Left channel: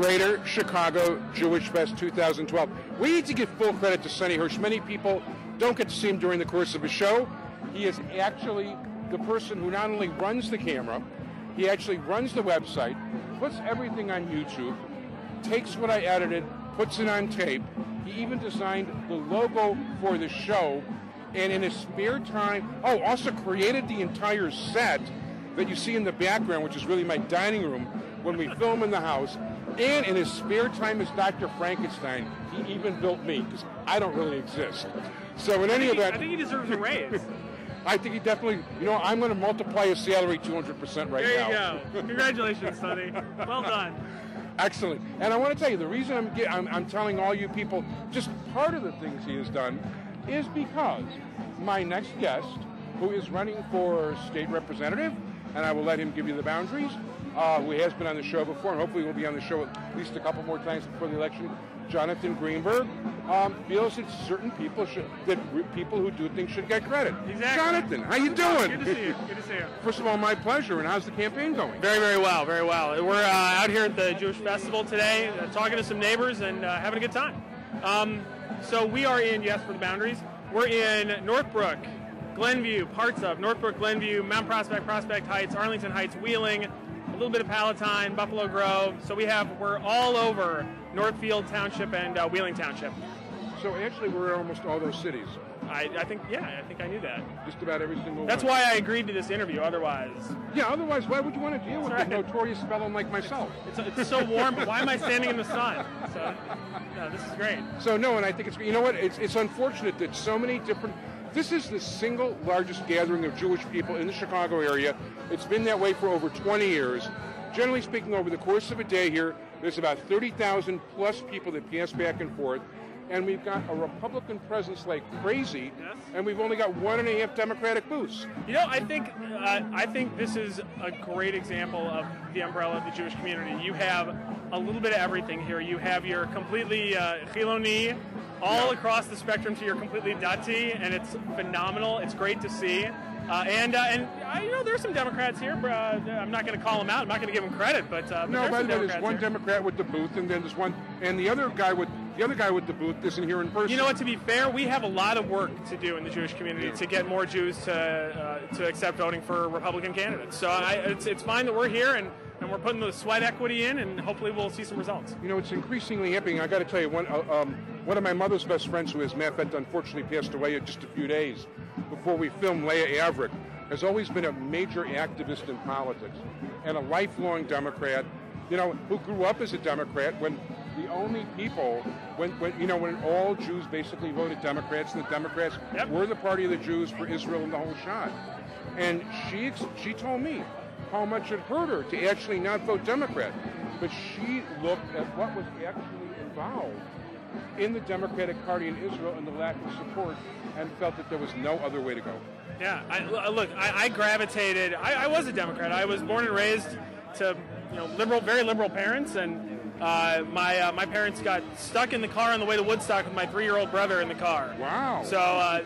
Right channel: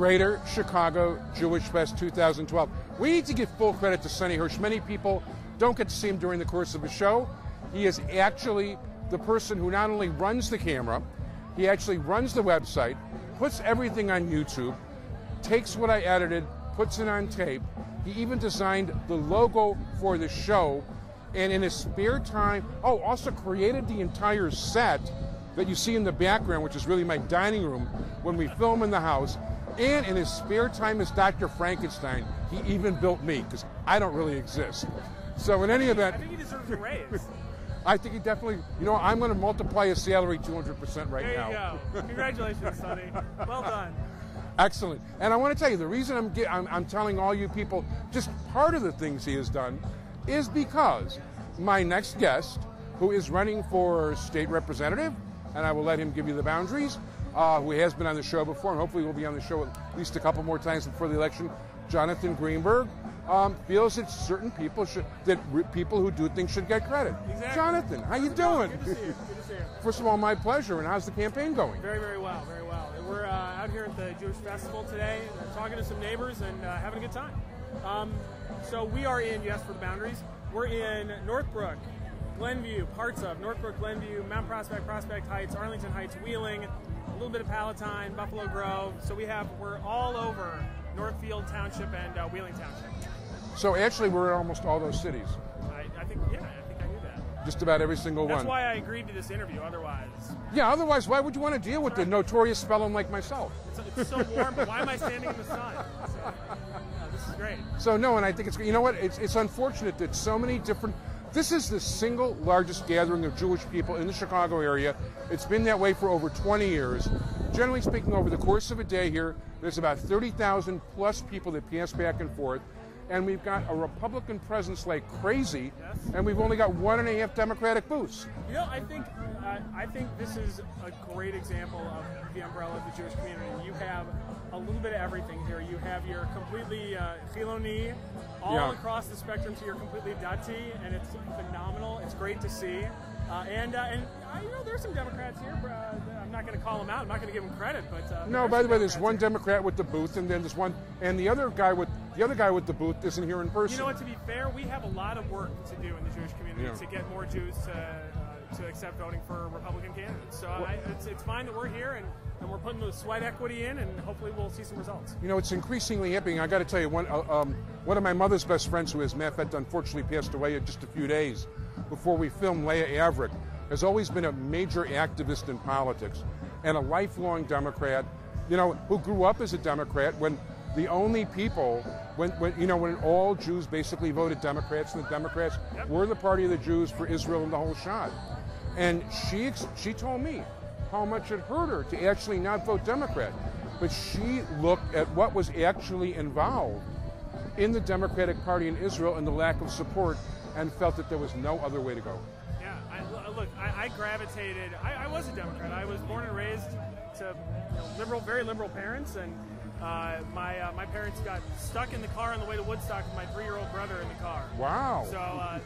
Greater Chicago Jewish Fest 2012. We need to give full credit to Sonny Hirsch. Many people don't get to see him during the course of the show. He is actually the person who not only runs the camera, he actually runs the website, puts everything on YouTube, takes what I edited, puts it on tape. He even designed the logo for the show, and in his spare time, also created the entire set that you see in the background, which is really my dining room when we film in the house. And in his spare time as Dr. Frankenstein, he even built me, because I don't really exist. So in any event, I think he deserves a raise. I think he definitely, I'm going to multiply his salary 200% right now. There you go. Congratulations, Sonny. Well done. Excellent. And I want to tell you, the reason I'm telling all you people just part of the things he has done is because my next guest, who is running for state representative, and I will let him give you the boundaries, who has been on the show before, and hopefully will be on the show at least a couple more times before the election, Jonathan Greenberg, feels that certain people who do things should get credit. Exactly. Jonathan, how you doing? Good to see you. Good to see you. First of all, my pleasure. And how's the campaign going? Very, very well. Very well. We're out here at the Jewish Festival today, talking to some neighbors and having a good time. So we are in, yes, for the boundaries, we're in Northbrook, Glenview, parts of Northbrook, Glenview, Mount Prospect, Prospect Heights, Arlington Heights, Wheeling, a little bit of Palatine, Buffalo Grove. So we're all over Northfield Township and Wheeling Township. So actually, we're in almost all those cities. I think I knew that. Just about every single That's one. why I agreed to this interview. Otherwise, otherwise, why would you want to deal with a notorious fellow like myself? It's so warm, but why am I standing in the sun? So, no, this is great. So no, and I think it's unfortunate that so many different. This is the single largest gathering of Jewish people in the Chicago area. It's been that way for over 20 years. Generally speaking, over the course of a day here, there's about 30,000 plus people that pass back and forth. And we've got a Republican presence like crazy, and we've only got 1.5 Democratic booths. I think this is a great example of the umbrella of the Jewish community. You have a little bit of everything here. You have your completely chiloni, all across the spectrum, to your completely dati, and it's phenomenal. It's great to see. And there's some Democrats here. I'm not going to call them out. I'm not going to give them credit, but no. By the way, there's one here. Democrat with the booth, and then there's one, and the other guy with the booth isn't here in person. You know what? To be fair, we have a lot of work to do in the Jewish community to get more Jews to accept voting for Republican candidates. So it's fine that we're here and we're putting the sweat equity in, and hopefully we'll see some results. It's increasingly happening. I got to tell you, one of my mother's best friends, who, as a matter of fact, unfortunately passed away in just a few days before we filmed, Leah Averick, has always been a major activist in politics and a lifelong Democrat, who grew up as a Democrat when the only people, when all Jews basically voted Democrats, and the Democrats were the party of the Jews for Israel and the whole shot. And she told me how much it hurt her to actually not vote Democrat. But she looked at what was actually involved in the Democratic Party in Israel and the lack of support, and felt that there was no other way to go. Yeah, I gravitated. I was a Democrat. I was born and raised to very liberal parents, and my parents got stuck in the car on the way to Woodstock with my 3-year-old brother in the car. Wow. So I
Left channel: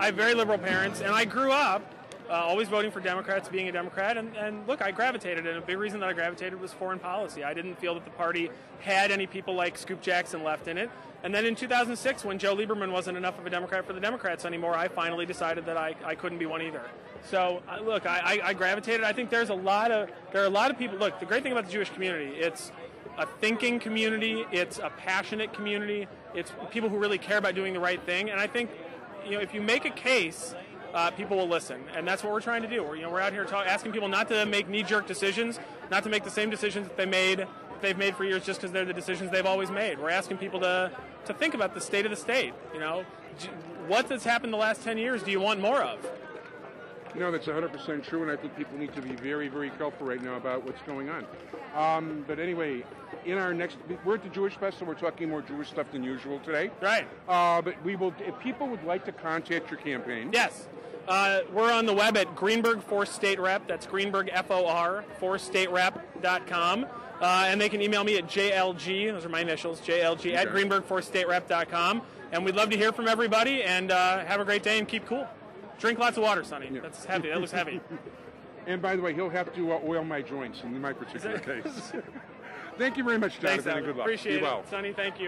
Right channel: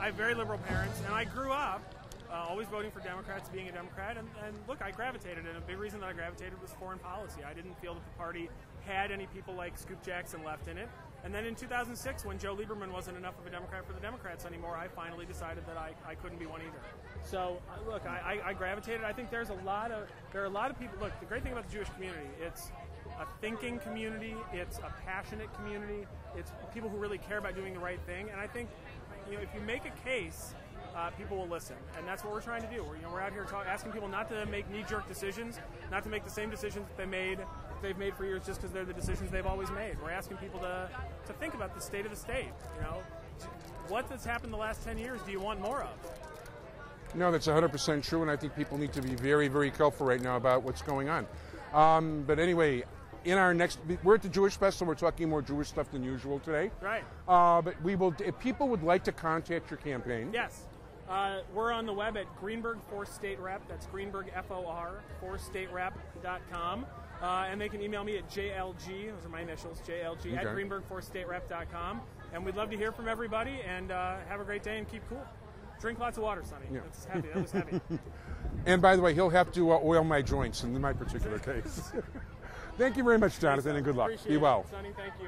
have very liberal parents, and I grew up always voting for Democrats, being a Democrat, and look, I gravitated, and a big reason that I gravitated was foreign policy. I didn't feel that the party had any people like Scoop Jackson left in it. And then in 2006, when Joe Lieberman wasn't enough of a Democrat for the Democrats anymore, I finally decided that I couldn't be one either. So look, I gravitated. I think there are a lot of people. Look, the great thing about the Jewish community, it's a thinking community, it's a passionate community, it's people who really care about doing the right thing. And I think, if you make a case, people will listen, and that's what we're trying to do. We're out here asking people not to make knee-jerk decisions, not to make the same decisions that they've made for years just because they're the decisions they've always made. We're asking people to think about the state of the state. What has happened the last 10 years do you want more of? That's 100% true, and I think people need to be very, very careful right now about what's going on. But anyway, we're at the Jewish Festival. We're talking more Jewish stuff than usual today. Right. But if people would like to contact your campaign. Yes. We're on the web at Greenberg for State Rep. That's Greenberg, FOR, forstaterep.com. And they can email me at JLG, those are my initials, JLG, at greenberg4staterep.com. And we'd love to hear from everybody, and have a great day and keep cool. Drink lots of water, Sonny. Yeah. That's heavy. That looks heavy. And by the way, he'll have to oil my joints in my particular case. Thank you very much, Thanks, Jonathan, and Adam. good luck. Appreciate Be it. well. Sonny, thank you.